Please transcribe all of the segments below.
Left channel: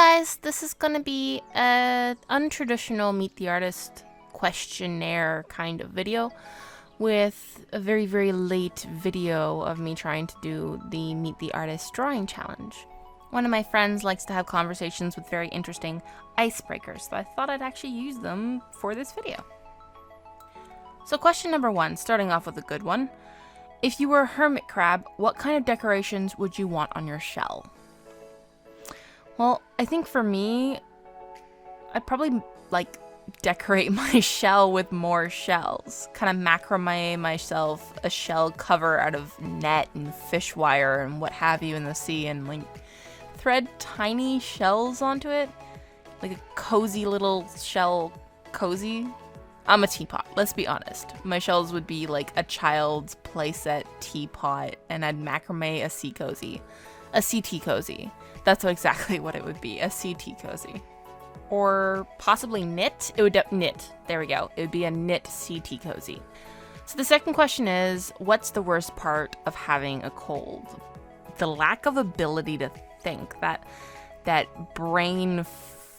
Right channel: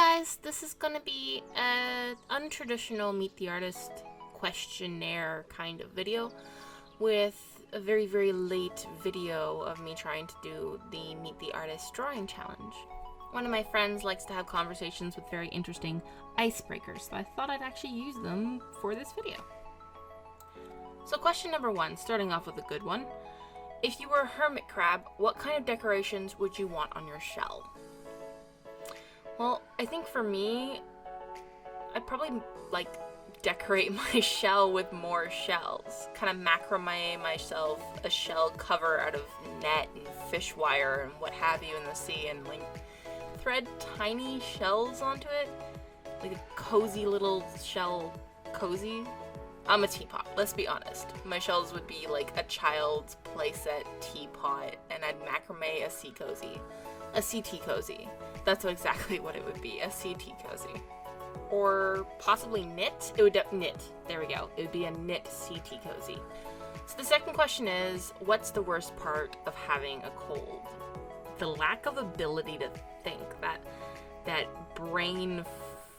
guys, this is gonna be an untraditional Meet the Artist questionnaire kind of video with a very, very late video of me trying to do the Meet the Artist drawing challenge. One of my friends likes to have conversations with very interesting icebreakers, so I thought I'd actually use them for this video. So question number 1, starting off with a good one. If you were a hermit crab, what kind of decorations would you want on your shell? Well, I think for me, I'd probably decorate my shell with more shells. Kind of macrame myself a shell cover out of net and fish wire and what have you in the sea, and thread tiny shells onto it. Like a cozy little shell cozy. I'm a teapot, let's be honest. My shells would be like a child's playset teapot, and I'd macrame a sea cozy. A sea tea cozy. That's exactly what it would be, a sea tea cozy. Or possibly knit. It would knit. There we go. It would be a knit sea tea cozy. So the second question is, what's the worst part of having a cold? The lack of ability to think, that brain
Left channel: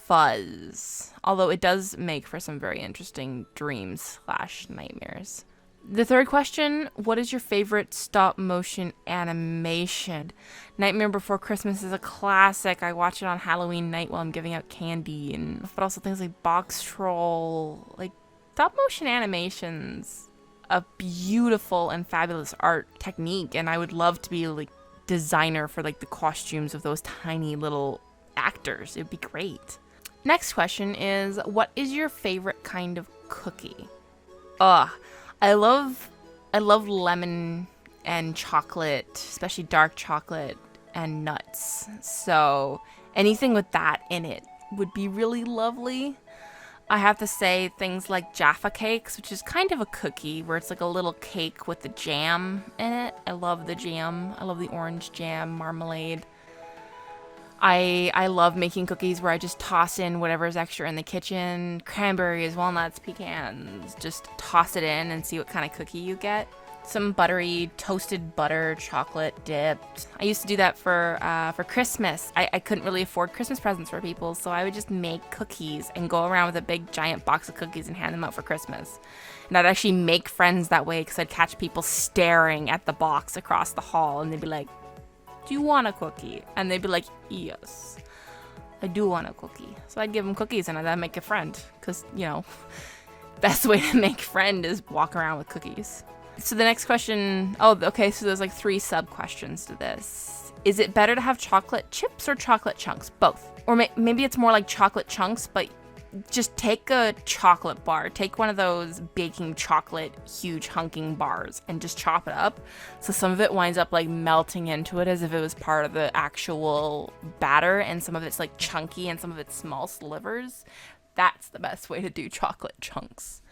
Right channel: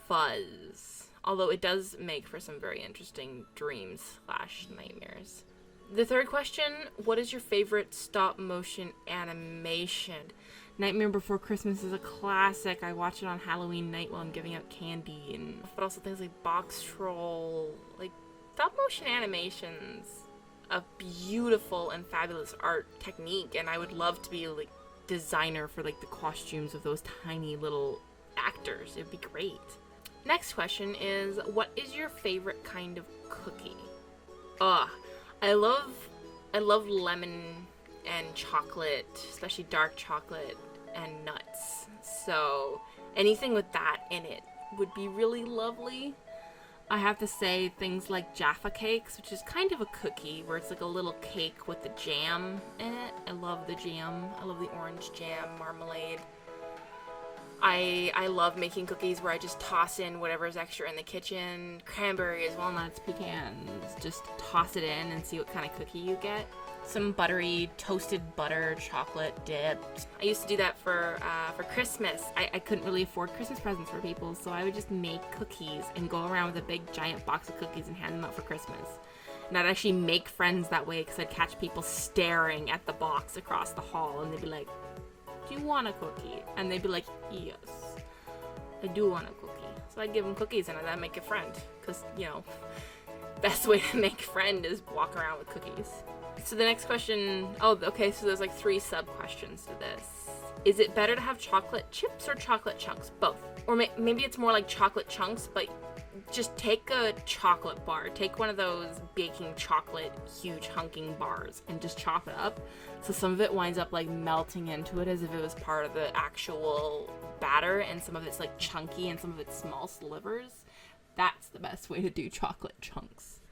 fuzz. Although it does make for some very interesting dreams/nightmares. The third question, what is your favorite stop motion animation? Nightmare Before Christmas is a classic. I watch it on Halloween night while I'm giving out candy, but also things like Box Troll, stop motion animations, a beautiful and fabulous art technique, and I would love to be designer for the costumes of those tiny little actors. It'd be great. Next question is, what is your favorite kind of cookie? I love lemon and chocolate, especially dark chocolate and nuts. So anything with that in it would be really lovely. I have to say things like Jaffa cakes, which is kind of a cookie where it's like a little cake with the jam in it. I love the jam. I love the orange jam, marmalade. I love making cookies where I just toss in whatever's extra in the kitchen. Cranberries, walnuts, pecans. Just toss it in and see what kind of cookie you get. Some buttery, toasted butter, chocolate dipped. I used to do that for Christmas. I couldn't really afford Christmas presents for people, so I would just make cookies and go around with a big giant box of cookies and hand them out for Christmas. And I'd actually make friends that way because I'd catch people staring at the box across the hall, and they'd be like, "Do you want a cookie?" And they'd be like, "Yes, I do want a cookie." So I'd give them cookies and I'd make a friend. Because, best way to make friend is walk around with cookies. So the next question, so there's 3 sub-questions to this. Is it better to have chocolate chips or chocolate chunks? Both. Or maybe it's more like chocolate chunks, but just take a chocolate bar. Take one of those baking chocolate huge hunking bars and just chop it up. So some of it winds up melting into it as if it was part of the actual batter, and some of it's chunky and some of it's small slivers. That's the best way to do chocolate chunks.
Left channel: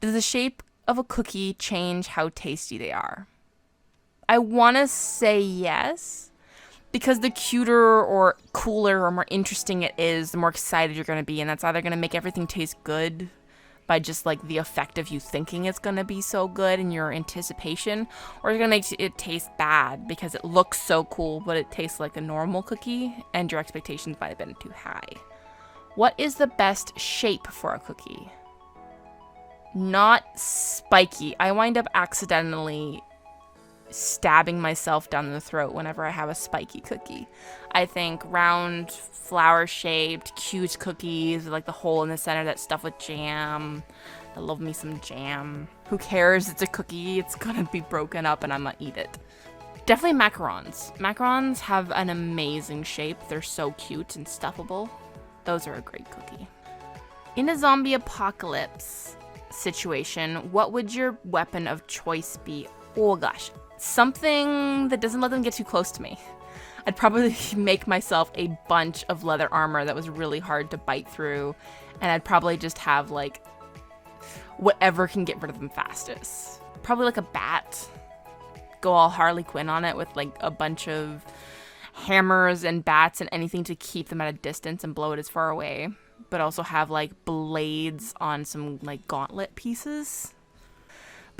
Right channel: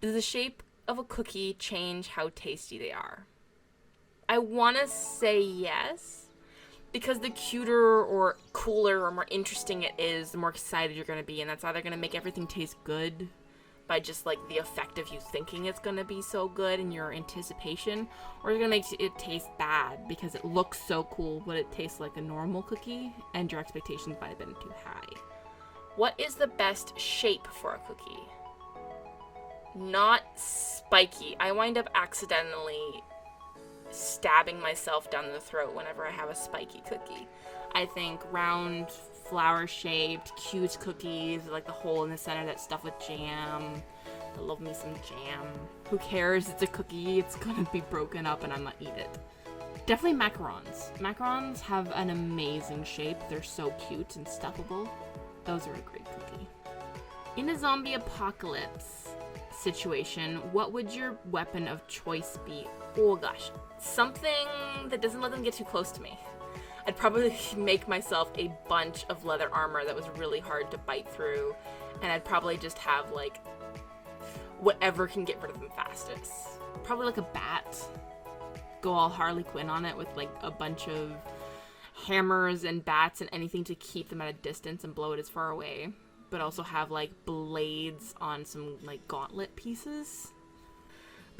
Does the shape of a cookie change how tasty they are? I want to say yes. Because the cuter or cooler or more interesting it is, the more excited you're going to be. And that's either going to make everything taste good by just the effect of you thinking it's going to be so good and your anticipation. Or it's going to make it taste bad because it looks so cool, but it tastes like a normal cookie and your expectations might have been too high. What is the best shape for a cookie? Not spiky. I wind up accidentally stabbing myself down the throat whenever I have a spiky cookie. I think round, flower-shaped, cute cookies with the hole in the center that's stuffed with jam. I love me some jam. Who cares? It's a cookie. It's gonna be broken up and I'm gonna eat it. Definitely macarons. Macarons have an amazing shape. They're so cute and stuffable. Those are a great cookie. In a zombie apocalypse situation, what would your weapon of choice be? Oh gosh, something that doesn't let them get too close to me. I'd probably make myself a bunch of leather armor that was really hard to bite through, and I'd probably just have whatever can get rid of them fastest. Probably a bat. Go all Harley Quinn on it with a bunch of hammers and bats and anything to keep them at a distance and blow it as far away. But also have blades on some gauntlet pieces.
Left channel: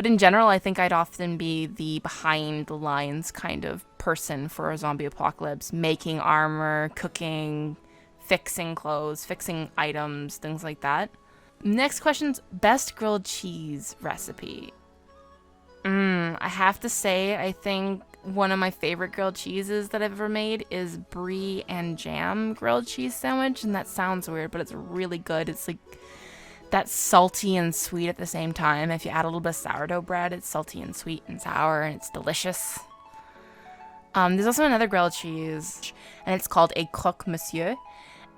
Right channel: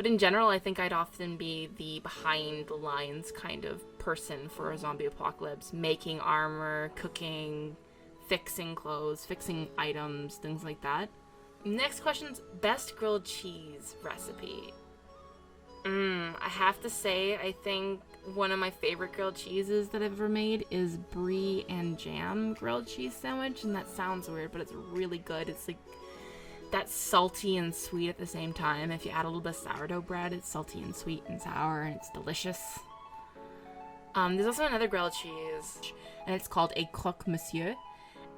But in general, I think I'd often be the behind the lines kind of person for a zombie apocalypse, making armor, cooking, fixing clothes, fixing items, things like that. Next question's best grilled cheese recipe. I have to say, I think one of my favorite grilled cheeses that I've ever made is brie and jam grilled cheese sandwich, and that sounds weird, but it's really good. It's like that's salty and sweet at the same time. If you add a little bit of sourdough bread, it's salty and sweet and sour, and it's delicious. There's also another grilled cheese, and it's called a croque monsieur.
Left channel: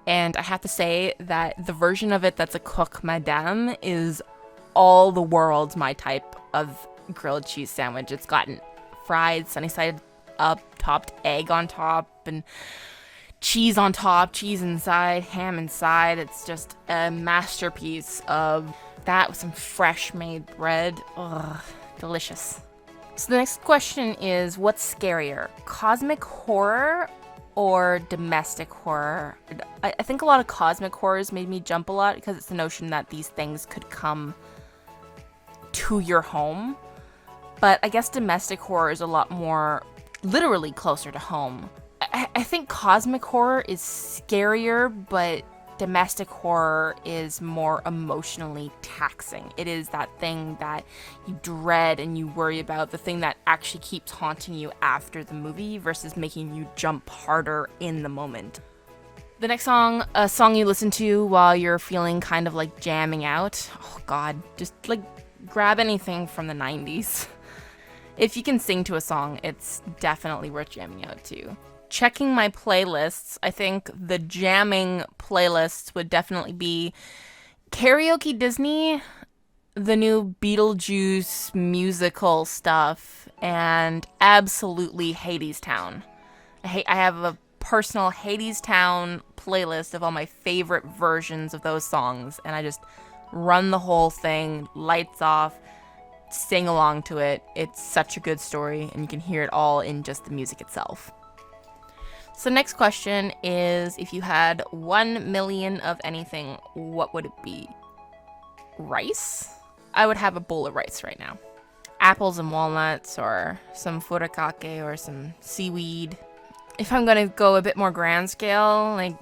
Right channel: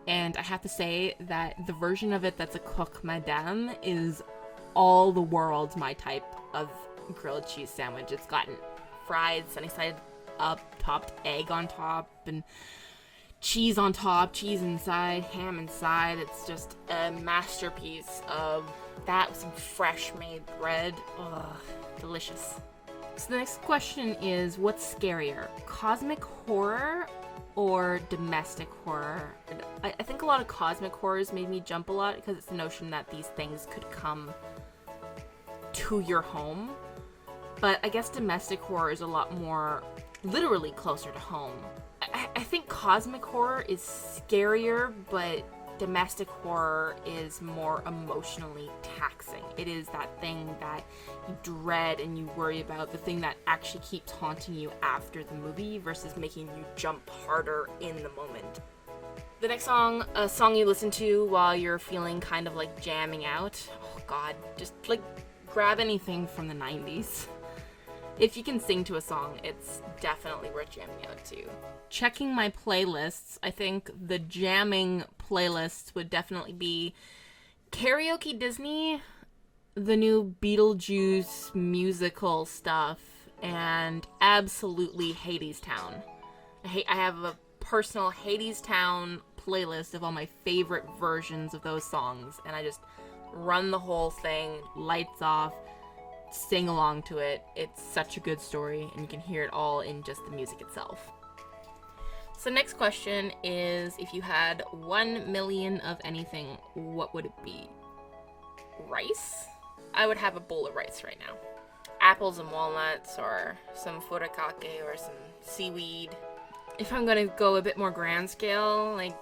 And I have to say that the version of it that's a croque madame is all the world my type of grilled cheese sandwich. It's gotten fried, sunny side up, topped egg on top, and cheese on top, cheese inside, ham inside. It's just a masterpiece of that with some fresh made bread. Ugh, delicious. So the next question is, what's scarier, cosmic horror or domestic horror? I think a lot of cosmic horrors made me jump a lot because it's the notion that these things could come to your home. But I guess domestic horror is a lot more literally closer to home. I think cosmic horror is scarier, but domestic horror is more emotionally taxing. It is that thing that you dread and you worry about, the thing that actually keeps haunting you after the movie versus making you jump harder in the moment. The next song, a song you listen to while you're feeling kind of like jamming out. Oh god, just like grab anything from the 90s. If you can sing to a song, it's definitely worth jamming out to. Checking my playlists, I think the jamming playlists would definitely be Karaoke Disney, the new Beetlejuice musical stuff, and absolutely Hadestown. I have a personal Hadestown playlist of all my favorite versions of those songs, and I just run the whole thing, lights off, sing along to it. It's such a good story, and you can hear it all in just the music itself. So next question is, if you had 1 million of anything, what would it be? Rice? I would have a bowl of rice right now. Apples and walnuts, or some furikake, or some seaweed. If I'm gonna go a bit more grand scale, like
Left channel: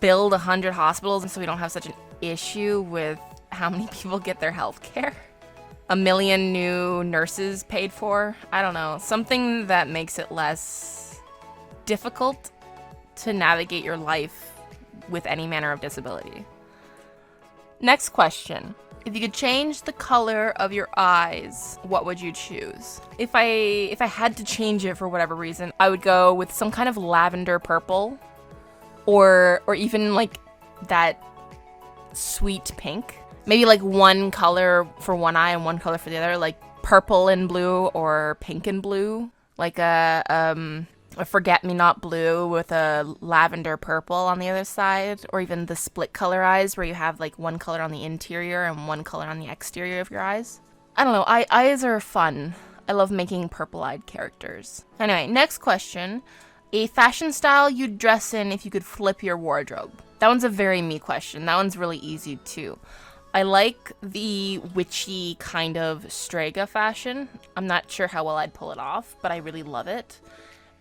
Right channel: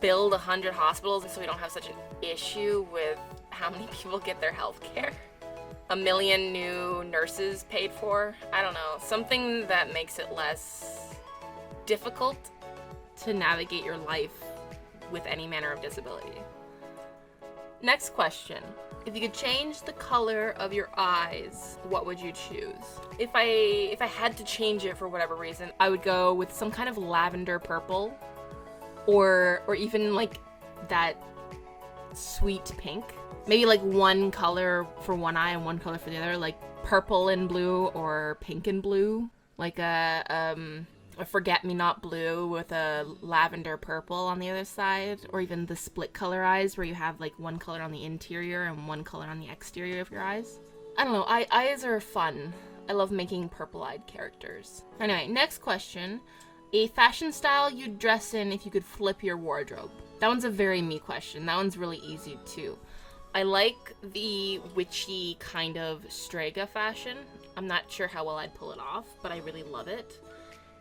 build 100 hospitals so we don't have such an issue with how many people get their health care. 1 million new nurses paid for. I don't know. Something that makes it less difficult to navigate your life with any manner of disability. Next question. If you could change the color of your eyes, what would you choose? If I had to change it for whatever reason, I would go with some kind of lavender purple, or even like that sweet pink. Maybe like one color for one eye and one color for the other, like purple and blue or pink and blue, like a forget-me-not blue with a lavender purple on the other side, or even the split color eyes where you have like one color on the interior and one color on the exterior of your eyes. I don't know, eyes are fun. I love making purple-eyed characters. Anyway, next question. A fashion style you'd dress in if you could flip your wardrobe. That one's a very me question. That one's really easy too. I like the witchy kind of Strega fashion. I'm not sure how well I'd pull it off, but I really love it.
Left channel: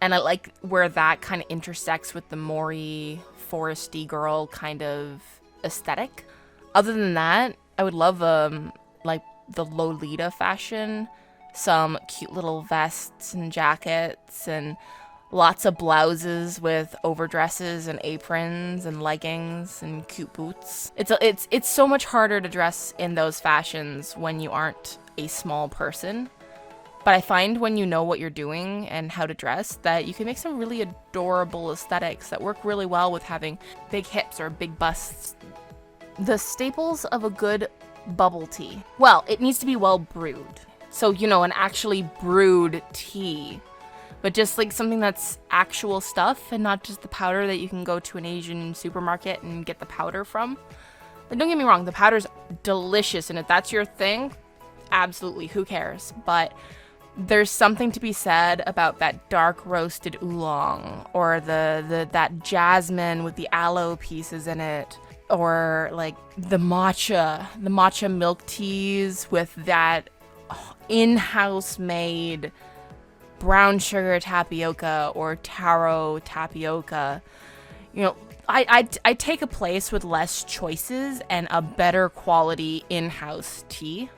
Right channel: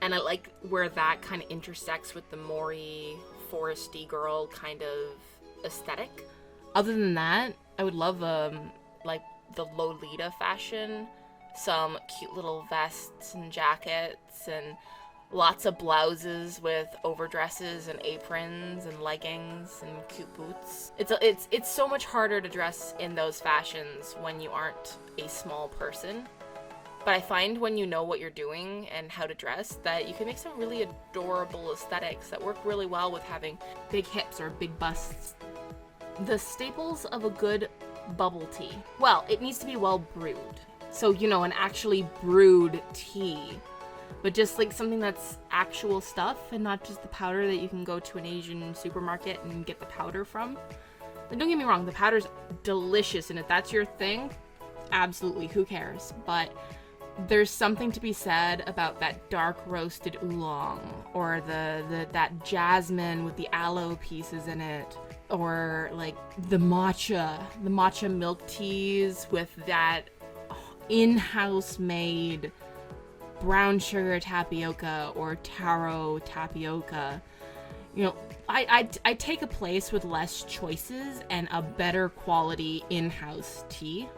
And I like where that kind of intersects with the Maury, foresty girl kind of aesthetic. Other than that, I would love like the Lolita fashion. Some cute little vests and jackets and lots of blouses with overdresses and aprons and leggings and cute boots. It's so much harder to dress in those fashions when you aren't a small person. But I find when you know what you're doing and how to dress that you can make some really adorable aesthetics that work really well with having big hips or big busts. The staples of a good bubble tea. Well, it needs to be well brewed. So, you know, an actually brewed tea. But just like something that's actual stuff and not just the powder that you can go to an Asian supermarket and get the powder from. And don't get me wrong, the powder's delicious, and if that's your thing, absolutely, who cares? But there's something to be said about that dark roasted oolong, or that jasmine with the aloe pieces in it, or like the matcha milk teas with that in-house made brown sugar tapioca or taro tapioca. You know, I take a place with less choices and a better quality in-house tea,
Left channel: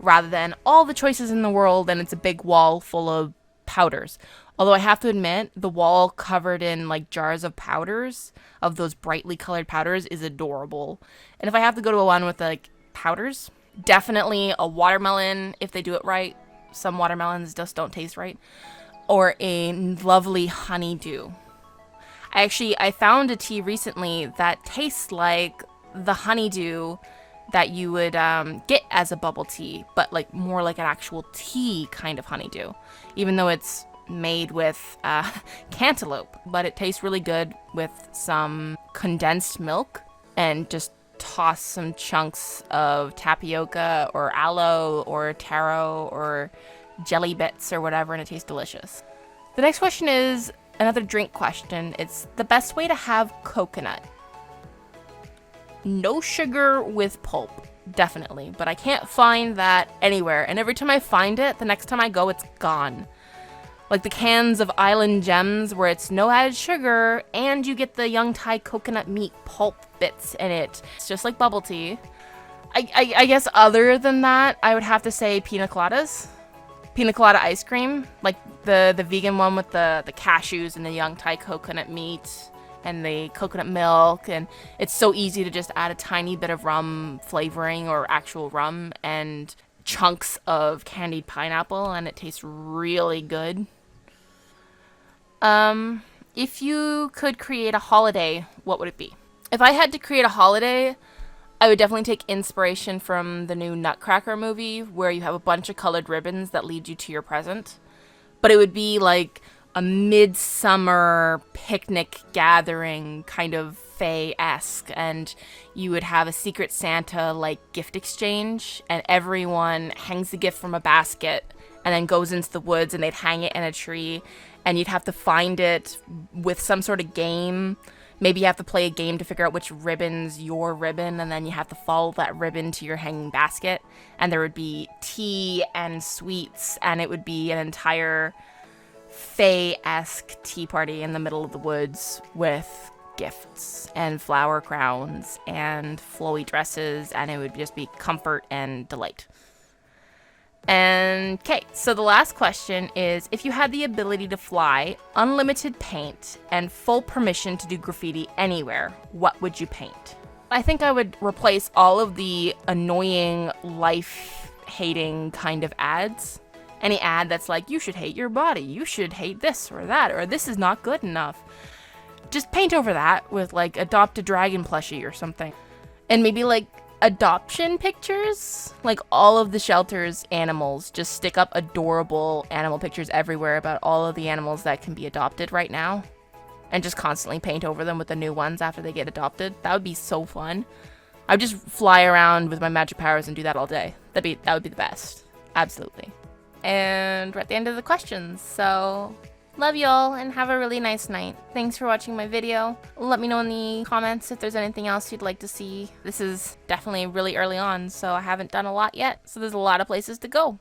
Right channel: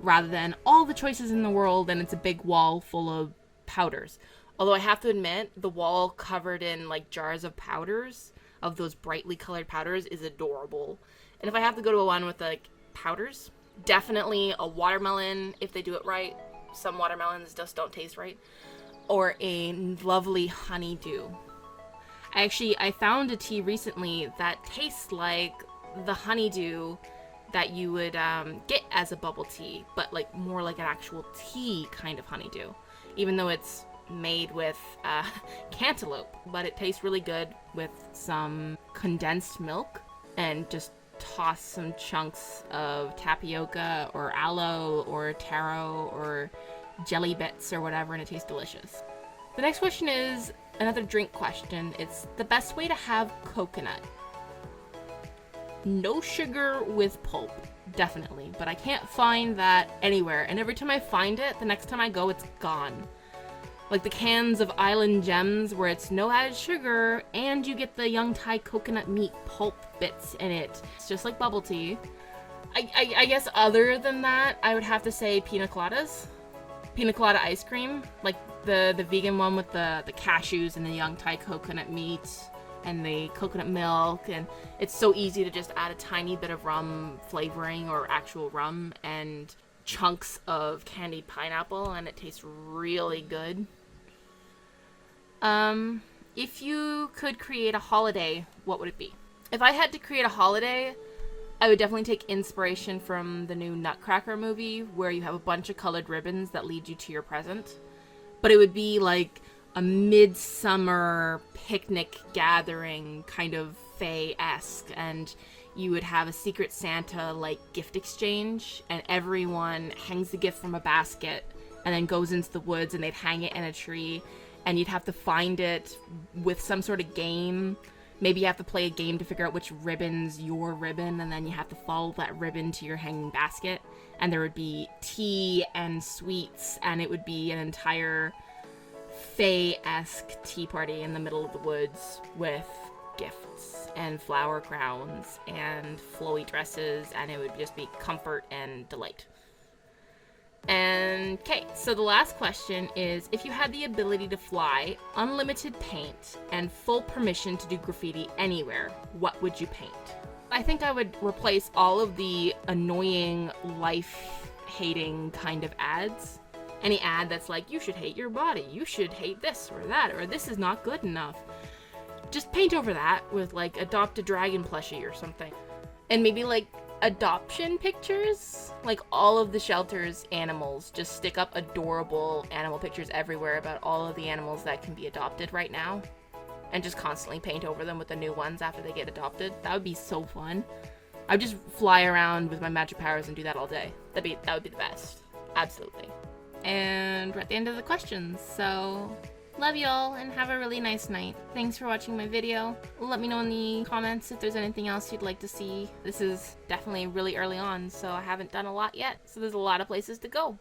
rather than all the choices in the world and it's a big wall full of powders. Although I have to admit, the wall covered in like jars of powders, of those brightly colored powders, is adorable. And if I have to go to a one with like powders, definitely a watermelon if they do it right. Some watermelons just don't taste right. Or a lovely honeydew. I found a tea recently that tastes like the honeydew that you would get as a bubble tea, but like more like an actual tea kind of honeydew, even though it's made with cantaloupe, but it tastes really good with some condensed milk, and just toss some chunks of tapioca or aloe or taro or jelly bits or whatever, and it tastes delicious. The next question is another drink question. It's the best way to have coconut. No sugar with pulp, definitely, but I can't find that anywhere, and every time I find it, the next time I go, it's gone. Like the cans of Island Gems where it's no added sugar and you get the young Thai coconut meat pulp bits in it. It's just like bubble tea. I guess other than that, I would have to say pina coladas. Pina colada ice cream, like the vegan one with the cashews and the young Thai coconut meat and the coconut milk, and it's so easy to just add a tiny bit of rum flavoring or actual rum and chunks of candied pineapple, and it tastes really good. If you could create a holiday, what would it be? If I had to create a holiday, I would definitely take inspiration from the new Nutcracker movie, where you have a bunch of colored ribbons that lead you to your present. But it would be like a midsummer picnic gathering, kind of fae-esque, and you would have a Secret Santa like gift exchange, and everyone hangs the gift from a basket and then goes into the woods and they'd hang it in a tree, and you'd have to find it with some sort of game. Maybe you have to play a game to figure out which ribbon's your ribbon, and then you have to follow that ribbon to your hanging basket, and there would be tea and sweets, and it would be an entire fae-esque tea party in the middle of the woods with gifts and flower crowns and flowy dresses, and it would just be comfort and delight. And okay, so the last question is, if you had the ability to fly, unlimited paint, and full permission to do graffiti anywhere, what would you paint? I think I would replace all of the annoying, life-hating kind of ads. Any ad that's like, you should hate your body, you should hate this or that, or this is not good enough. Just paint over that with like adopt a dragon plushie or something. And maybe like adoption pictures, like all of the shelter's animals, just stick up adorable animal pictures everywhere about all of the animals that can be adopted right now, and just constantly paint over them with the new ones after they get adopted. That would be so fun. I would just fly around with my magic powers and do that all day. That would be the best. Absolutely. And we're at the end of the questions, so love y'all and have a really nice night. Thanks for watching my video. Let me know in the comments if there's anything else you'd like to see. This is definitely really early on, so I haven't done a lot yet, so there's a lot of places to go.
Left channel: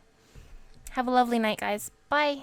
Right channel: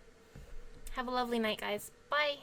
Have a lovely night, guys. Bye.